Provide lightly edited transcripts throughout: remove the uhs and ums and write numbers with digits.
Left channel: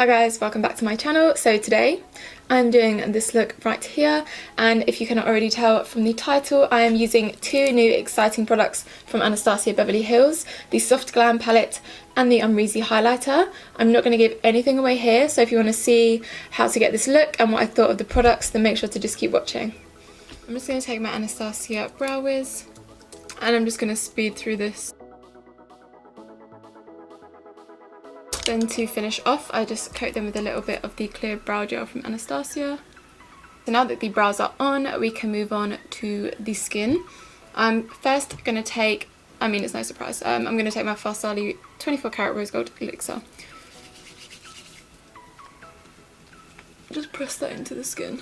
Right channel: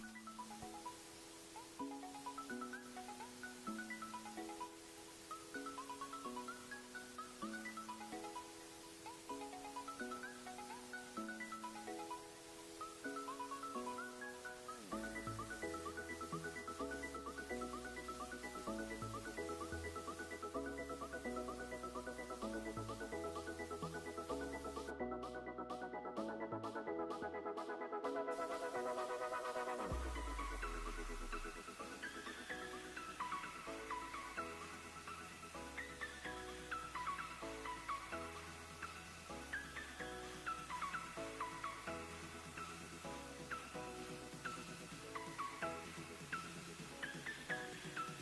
Hi guys, welcome back to my channel. So today I'm doing this look right here, and if you cannot already tell from the title, I am using two new exciting products from Anastasia Beverly Hills, the Soft Glam palette and the Amrezy highlighter. I'm not going to give anything away here, so if you want to see how to get this look and what I thought of the products, then make sure to just keep watching. I'm just going to take my Anastasia Brow Wiz and I'm just going to speed through this. Then to finish off, I just coat them with a little bit of the clear brow gel from Anastasia. So now that the brows are on, we can move on to the skin. I'm first going to take, it's no surprise, I'm going to take my Farsali 24 karat rose gold elixir. Just press that into the skin.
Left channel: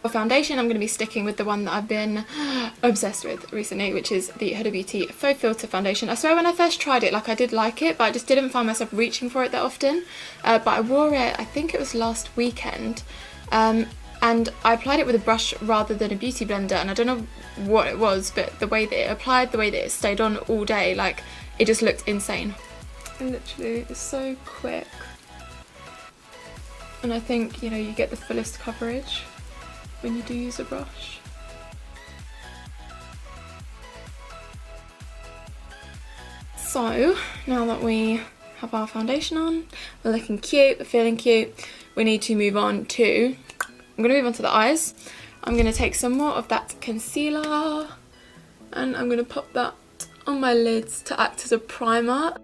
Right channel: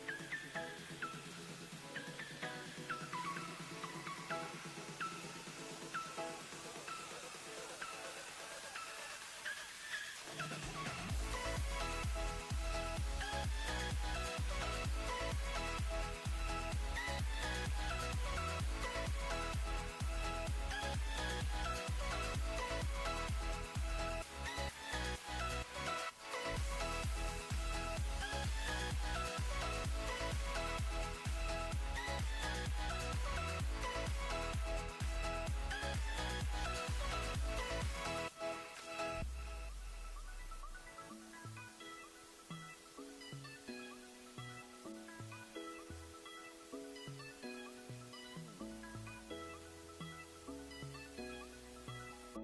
For foundation, I'm going to be sticking with the one that I've been obsessed with recently, which is the Huda Beauty Faux Filter Foundation. I swear when I first tried it, I did like it, but I just didn't find myself reaching for it that often. But I wore it, I think it was last weekend, and I applied it with a brush rather than a beauty blender, and I don't know what it was, but the way that it applied, the way that it stayed on all day, it just looked insane. Literally, it's so quick. And I think, you get the fullest coverage when you do use a brush. So now that we have our foundation on, we're looking cute, we're feeling cute, we need to move on to, I'm going to move on to the eyes. I'm going to take some more of that concealer and I'm going to pop that on my lids to act as a primer.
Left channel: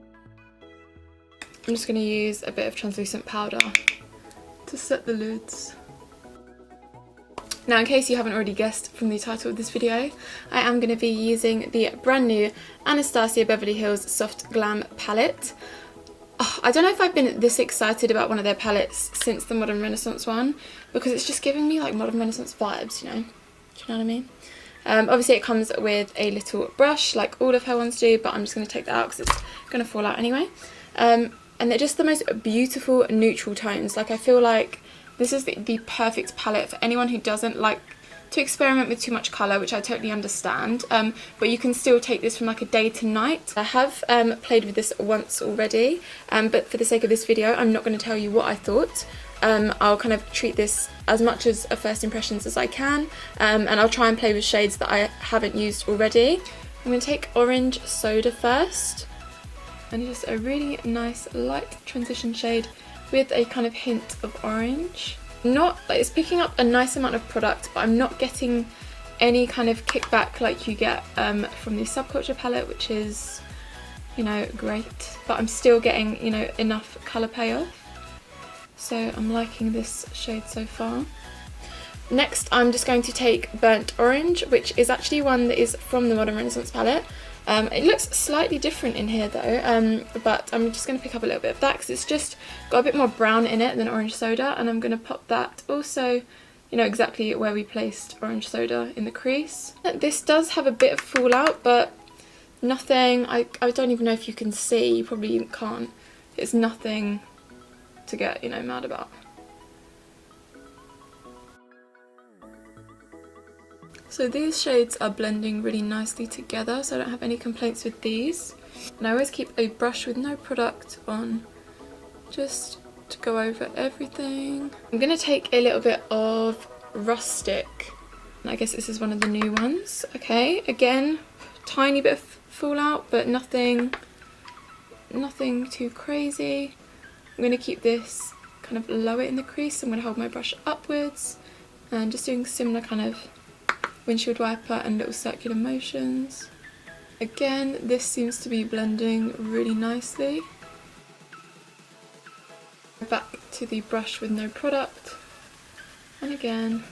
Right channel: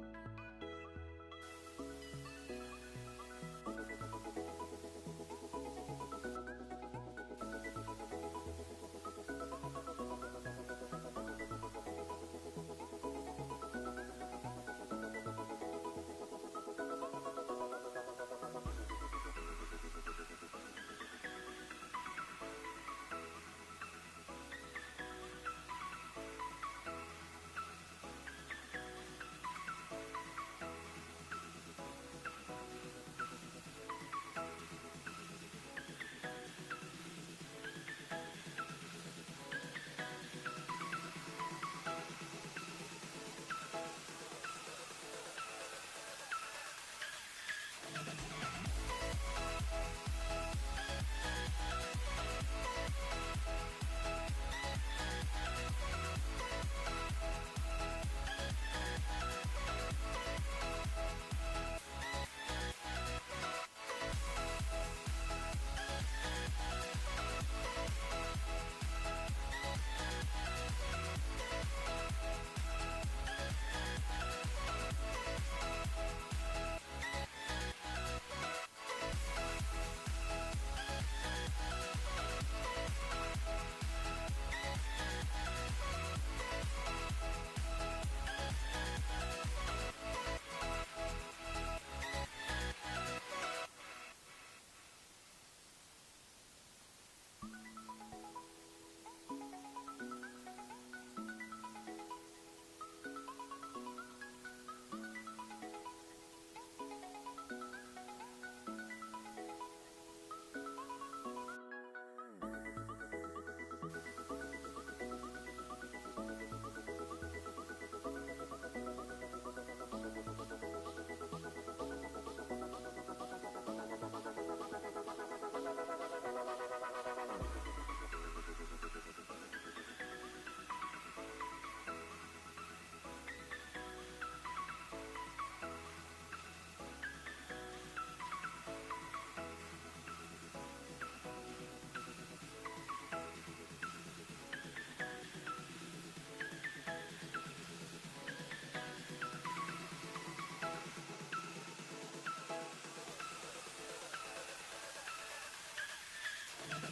I'm just going to use a bit of translucent powder to set the lids. Now, in case you haven't already guessed from the title of this video, I am going to be using the brand new Anastasia Beverly Hills Soft Glam palette. Oh, I don't know if I've been this excited about one of their palettes since the Modern Renaissance one, because it's just giving me Modern Renaissance vibes, Do you know what I mean? Obviously it comes with a little brush like all of her ones do, but I'm just going to take that out because it's going to fall out anyway. And they're just the most beautiful neutral tones. I feel like this is the perfect palette for anyone who doesn't like to experiment with too much colour, which I totally understand, but you can still take this from a day to night. I have played with this once already, but for the sake of this video I'm not going to tell you what I thought. I'll kind of treat this as much as a first impressions as I can, and I'll try and play with shades that I haven't used already. I'm going to take Orange Soda first, and just a really nice light transition shade with a kind of hint of orange. It's picking up a nice amount of product, but I'm not getting any kind of kickback like you get from the Subculture palette, which is, great. But I'm still getting, enough colour payoff. So I'm liking this shade so far. Next, I'm just going to take Burnt Orange, which is actually one that is from the Modern Renaissance palette. It looks slightly different in here though, but I'm just going to pick up a little bit of that because it's just got a bit more brown in it than Orange Soda, and I'm going to pop that also, exactly where we placed Orange Soda in the crease. This does have a bit of fallout, but nothing, I don't even know if you can see, you probably can't. It's nothing to get, mad about. So these shades are blending really nicely together, so I don't have any complaints with these. And I always keep a brush with no product on, just to go over everything. I'm going to take a little bit of Rustic, and I guess this is one of the new ones. Okay, again, tiny bit of fallout, but nothing too crazy. I'm going to keep this kind of lower in the crease. I'm going to hold my brush upwards, and just doing similar kind of windshield wiper and little circular motions. Again, this seems to be blending really nicely. Back to the brush with no product, and again,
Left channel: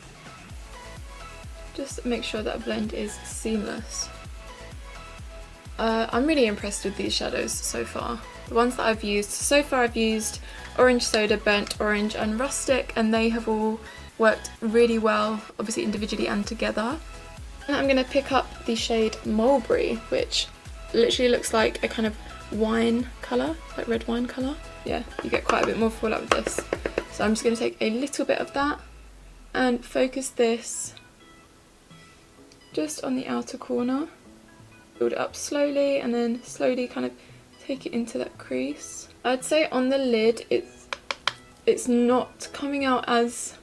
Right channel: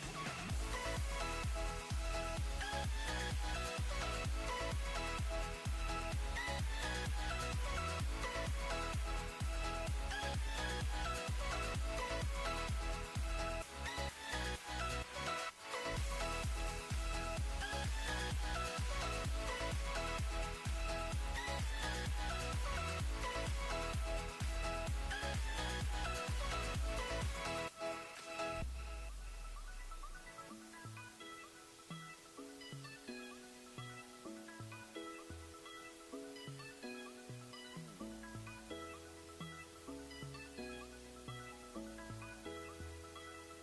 just make sure that blend is seamless. I'm really impressed with these shadows so far. The ones that I've used so far, I've used Orange Soda, Burnt Orange and Rustic, and they have all worked really well, obviously individually and together. And I'm going to pick up the shade Mulberry, which literally looks like a kind of wine colour, like red wine colour. Yeah, you get quite a bit more fallout with this. So I'm just going to take a little bit of that and focus this just on the outer corner. Build it up slowly and then slowly kind of take it into that crease. I'd say on the lid it's it's not coming out as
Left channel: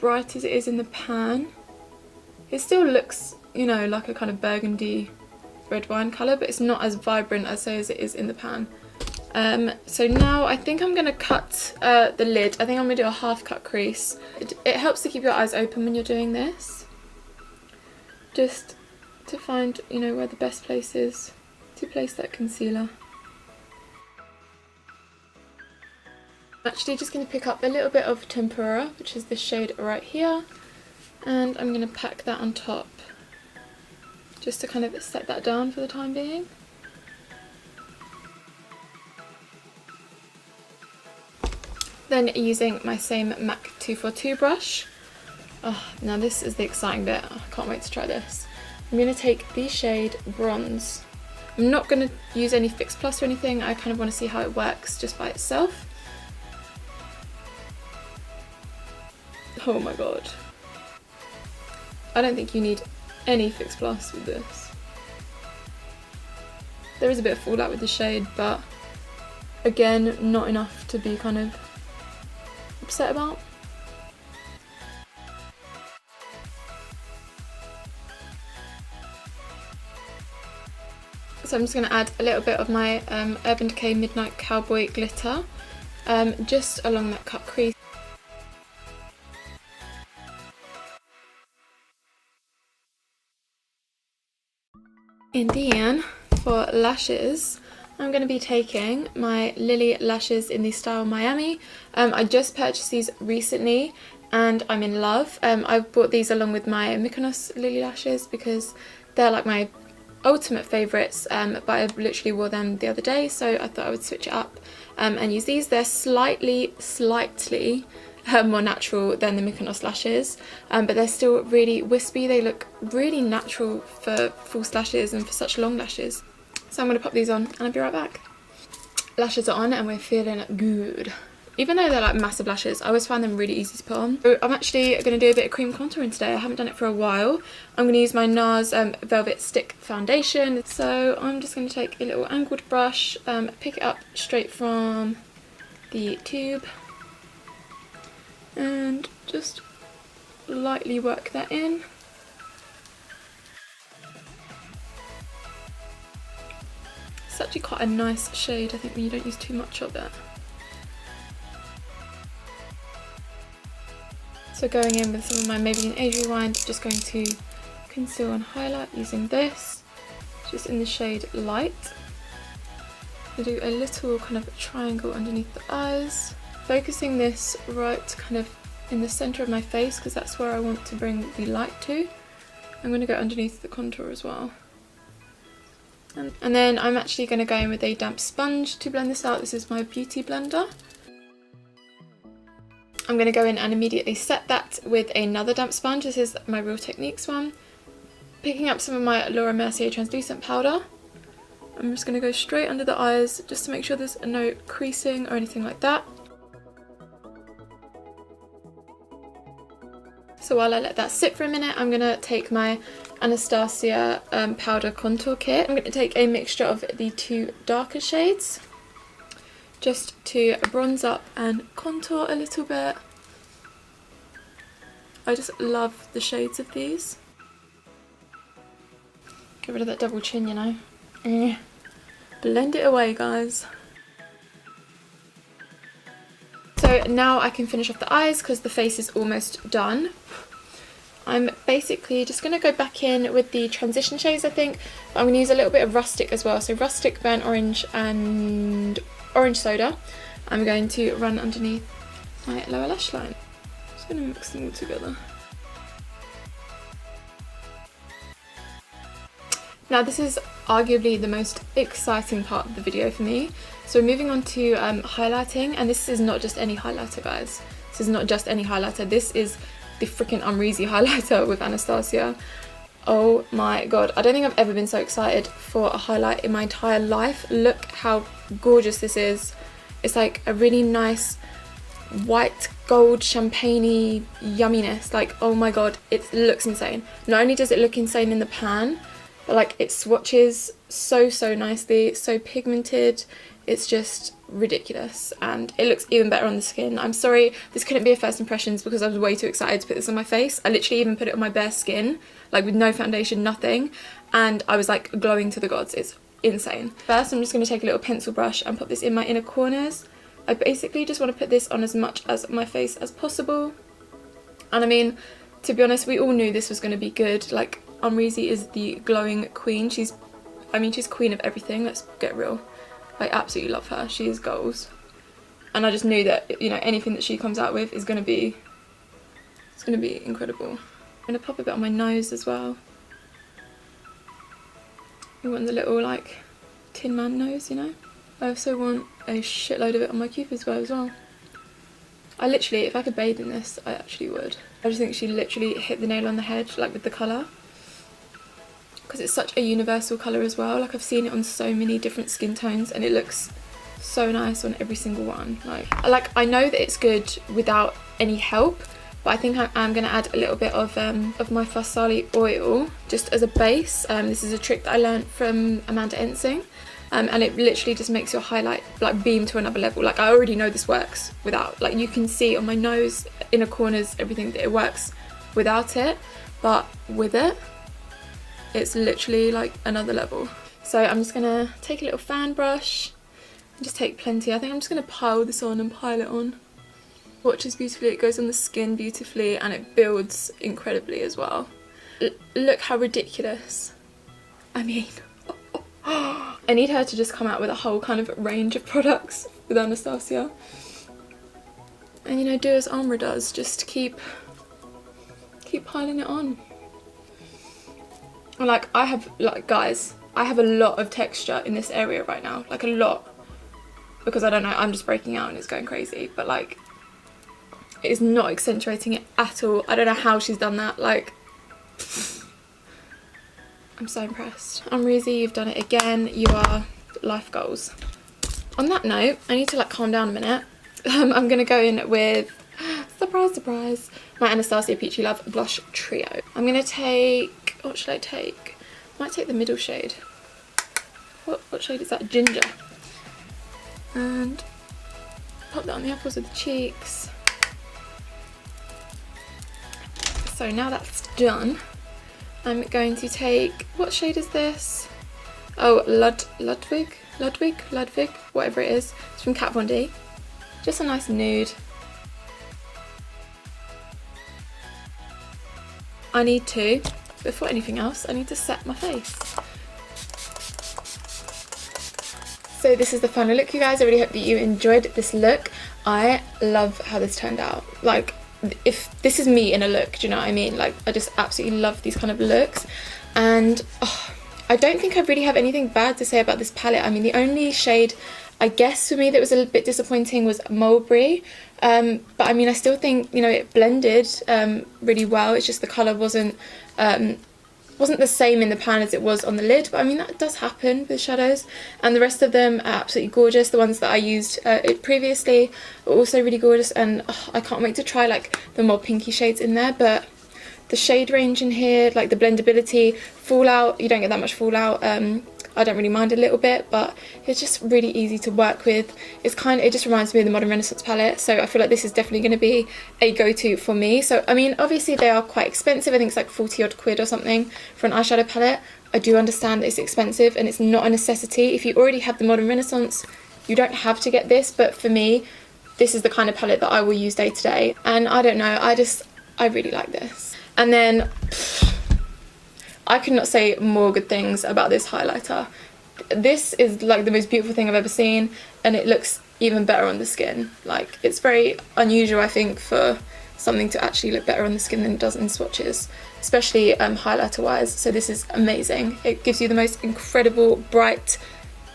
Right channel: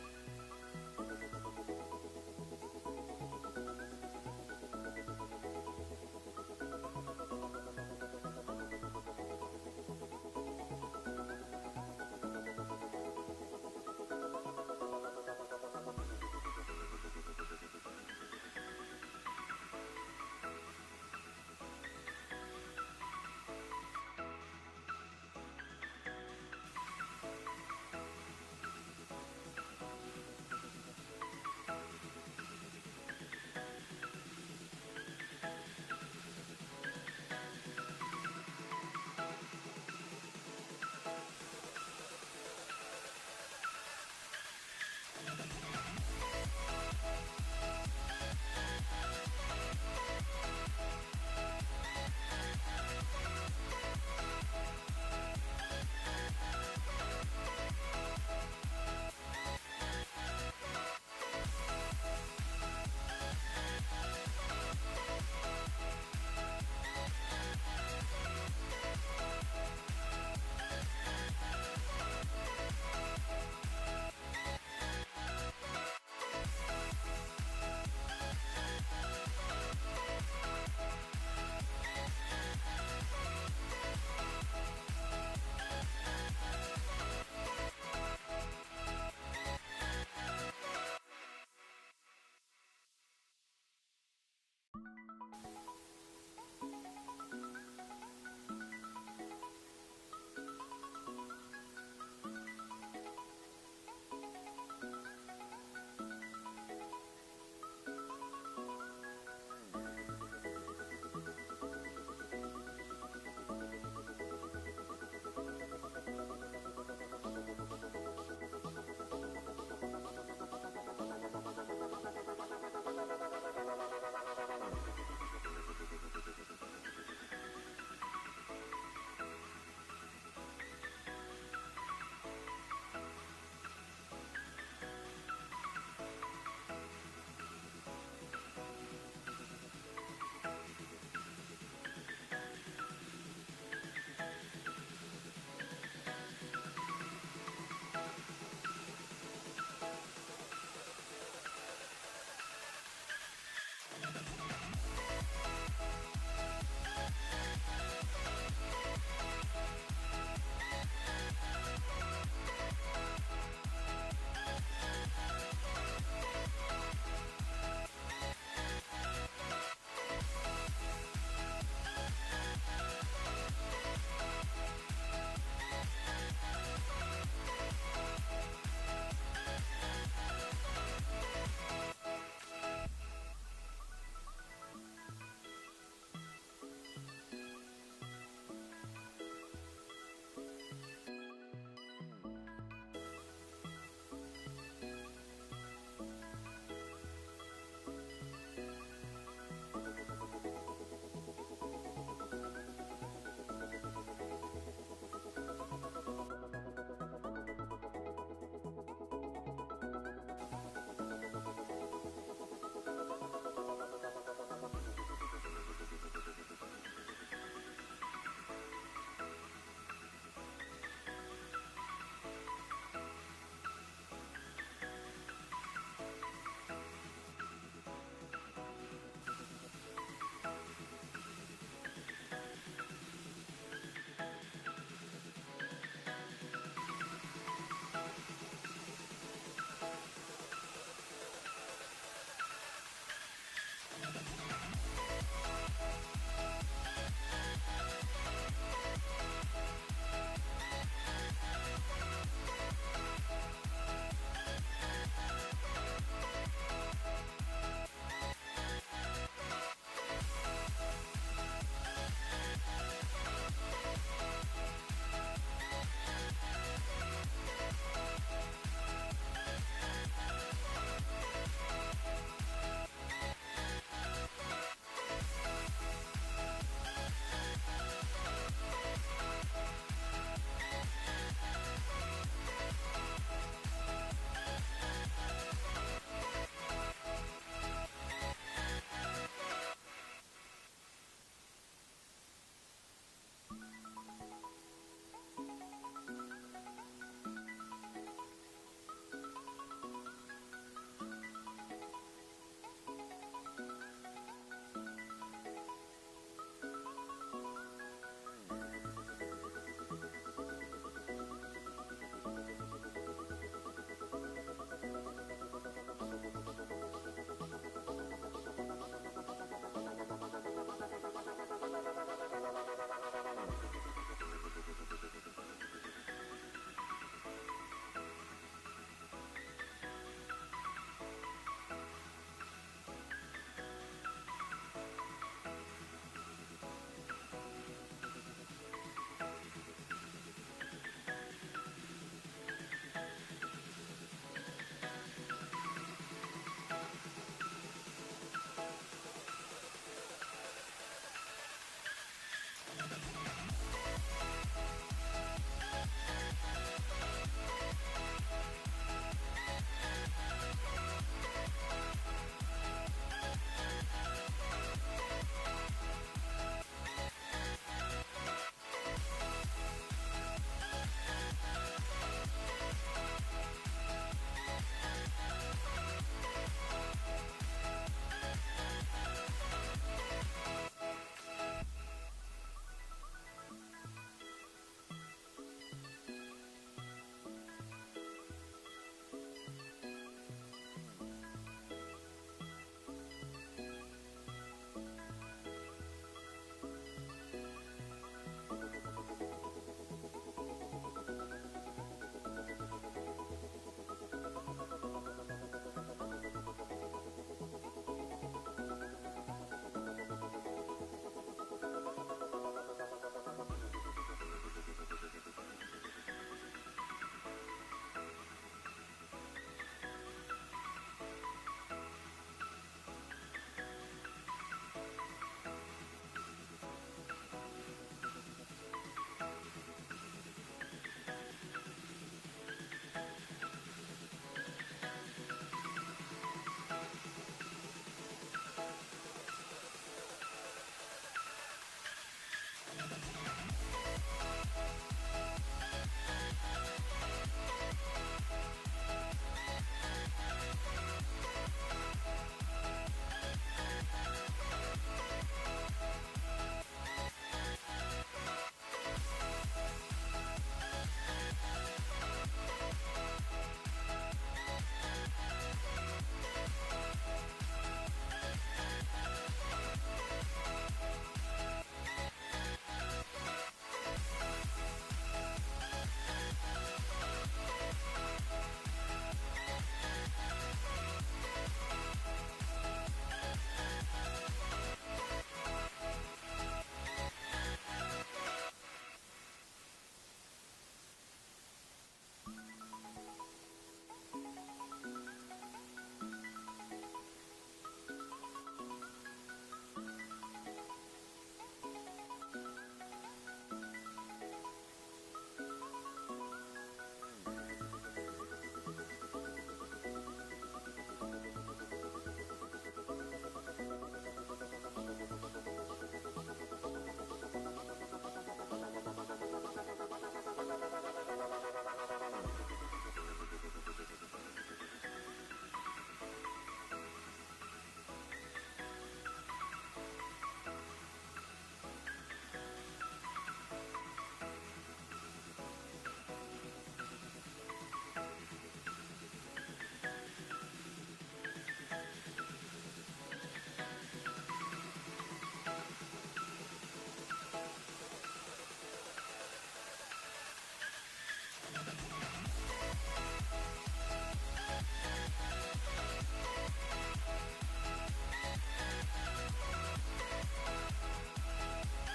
bright as it is in the pan. It still looks, you know, like a kind of burgundy red wine colour, but it's not as vibrant, I'd say, as it is in the pan. So now I think I'm going to cut the lid. I think I'm going to do a half cut crease. It helps to keep your eyes open when you're doing this. Just to find, you know, where the best place is to place that concealer. I'm actually just going to pick up a little bit of Tempera, which is this shade right here, and I'm going to pack that on top just to kind of set that down for the time being. Then using my same MAC 242 brush. Oh, now this is the exciting bit. I can't wait to try this. I'm going to take the shade Bronze. I'm not going to use any Fix Plus or anything. I kind of want to see how it works just by itself. Oh my god. I don't think you need any Fix Plus with this. There is a bit of fallout with the shade, but again, not enough to be kind of upset about. So I'm just going to add a little bit of my Urban Decay Midnight Cowboy glitter just along that cut crease. And then for lashes, I'm going to be taking my Lilly lashes in the style Miami. I just purchased these recently and I'm in love. I bought these along with my Mykonos Lilly lashes because they're like my ultimate favourites, but I literally wore them the other day, so I thought I would switch it up and use these. They're slightly more natural than the Mykonos lashes, but they're still really wispy. They look really natural for false lashes and for such long lashes. So I'm going to pop these on and I'll be right back. Lashes are on and we're feeling good. Even though they're like massive lashes, I always find them really easy to put on. So I'm actually going to do a bit of cream contouring today. I haven't done it for a while. I'm going to use my Nars Velvet Stick Foundation. So I'm just going to take a little angled brush, pick it up straight from the tube, and just lightly work that in. It's actually quite a nice shade, I think, when you don't use too much of it. So going in with some of my Maybelline Age Rewind, just going to conceal and highlight using this, just in the shade Light. I do a little kind of triangle underneath the eyes, focusing this right kind of in the centre of my face because that's where I want to bring the light to. I'm going to go underneath the contour as well. And then I'm actually going to go in with a damp sponge to blend this out. This is my Beauty Blender. I'm going to go in and immediately set that with another damp sponge. This is my Real Techniques one. Picking up some of my Laura Mercier translucent powder. I'm just going to go straight under the eyes just to make sure there's no creasing or anything like that. So while I let that sit for a minute, I'm going to take my Anastasia powder contour kit. I'm going to take a mixture of the two darker shades just to bronze up and contour a little bit. I just love the shades of these. Get rid of that double chin, you know. Blend it away, guys. So now I can finish off the eyes because the face is almost done. I'm basically just going to go back in with the transition shades, I think. But I'm going to use a little bit of Rustic as well. So Rustic, Burnt Orange and Orange Soda. I'm going to run underneath my lower lash line. Just going to mix them all together. Now this is arguably the most exciting part of the video for me. So we're moving on to highlighting, and this is not just any highlighter, guys. This is not just any highlighter. This is the freaking Amrezy highlighter with Anastasia. Oh my god, I don't think I've ever been so excited for a highlight in my entire life. Look how gorgeous this is. It's like a really nice white gold champagne-y yumminess. Like, oh my god, it looks insane. Not only does it look insane in the pan, but like it swatches so nicely, so pigmented. It's just ridiculous, and it looks even better on the skin. I'm sorry this couldn't be a first impressions because I was way too excited to put this on my face. I literally even put it on my bare skin, like with no foundation, nothing, and I was like glowing to the gods. It's insane. First, I'm just going to take a little pencil brush and put this in my inner corners. I basically just want to put this on as much as my face as possible. And I mean, to be honest, we all knew this was going to be good. Like, Amrezy is the glowing queen. She's queen of everything. Let's get real. I absolutely love her. She is goals. And I just knew that, you know, anything that she comes out with is going to be, it's going to be incredible. I'm going to pop a bit on my nose as well. I want the little, like, Tin Man nose, you know? I also want a shitload of it on my cupid's bow as well. I literally, if I could bathe in this, I actually would. I just think she literally hit the nail on the head, like with the colour. Because it's such a universal colour as well. Like, I've seen it on so many different skin tones and it looks so nice on every single one. Like I know that it's good without any help, but I think I'm going to add a little bit of my Farsali oil just as a base. This is a trick that I learned from Amanda Ensing. And it literally just makes your highlight like beam to another level. Like, I already know this works without, like, you can see on my nose, inner corners, everything, that it works without it, but with it, it's literally like another level. So I'm just gonna take a little fan brush and just take plenty. I think I'm just gonna pile this on and pile it on. Watches beautifully, it goes on the skin beautifully, and it builds incredibly as well. Look how ridiculous. I mean, I need her to just come out with a whole kind of range of products with Anastasia. And, you know, do as Amrezy does, just keep piling it on. Like, I have, like, guys, I have a lot of texture in this area right now, like a lot, because I don't know, I'm just breaking out and it's going crazy, but like, it is not accentuating it at all. I don't know how she's done that, like, I'm so impressed. Amrezy, you've done it again. You are life goals. On that note, I need to like calm down a minute. I'm gonna go in with, surprise, surprise, my Anastasia Peachy Love Blush Trio. I'm gonna take, what should I take? I might take the middle shade. What shade is that? Ginger. And pop that on the apples of the cheeks. So now that's done, I'm going to take, what shade is this? Oh, Ludwig, whatever it is. It's from Kat Von D. Just a nice nude. I need to, before anything else, I need to set my face. So this is the final look, you guys. I really hope that you enjoyed this look. I love how this turned out. Like, if this is me in a look, do you know what I mean? Like, I just absolutely love these kind of looks. And I don't think I really have anything bad to say about this palette. I mean, the only shade, I guess, for me that was a little bit disappointing was Mulberry. But I mean, I still think, you know, it blended really well. It's just the colour wasn't the same in the pan as it was on the lid, but I mean, that does happen with shadows. And the rest of them are absolutely gorgeous. The ones that I used previously are also really gorgeous, and I can't wait to try like the more pinky shades in there. But the shade range in here, like the blendability, fallout, you don't get that much fallout. I don't really mind a little bit, but it's just really easy to work with. It just reminds me of the Modern Renaissance palette, so I feel like this is definitely going to be a go-to for me. So I mean, obviously they are quite expensive. I think it's like 40 odd quid or something for an eyeshadow palette. I do understand that it's expensive and it's not a necessity. If you already have the Modern Renaissance, you don't have to get this, but for me, this is the kind of palette that I will use day to day. And I don't know, I really like this. And then I could not say more good things about this highlighter. This is like the most beautiful thing I've ever seen, and it looks even better on the skin. Like, it's very unusual, I think, for something to actually look better on the skin than it does in swatches, especially highlighter wise. So this is amazing. It gives you the most incredible bright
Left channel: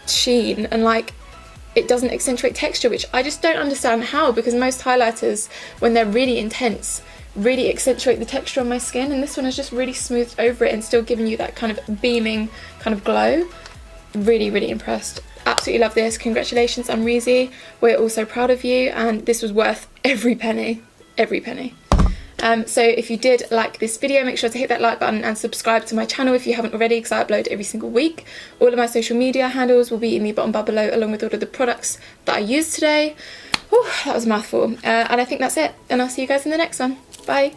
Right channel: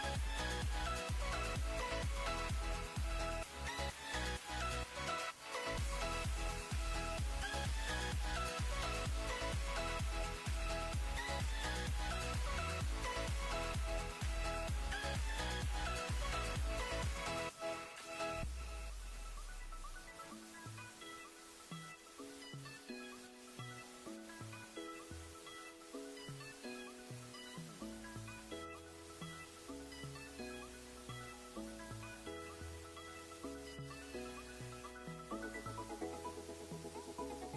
sheen, and like, it doesn't accentuate texture, which I just don't understand how, because most highlighters, when they're really intense, really accentuate the texture on my skin, and this one is just really smoothed over it and still giving you that kind of beaming kind of glow. Really, really impressed. Absolutely love this. Congratulations, Amrezy. We're all so proud of you, and this was worth every penny. Every penny. So if you did like this video, make sure to hit that like button and subscribe to my channel if you haven't already, because I upload every single week. All of my social media handles will be in the bottom bar below, along with all of the products that I used today. Whew, that was a mouthful. And I think that's it, and I'll see you guys in the next one. Bye.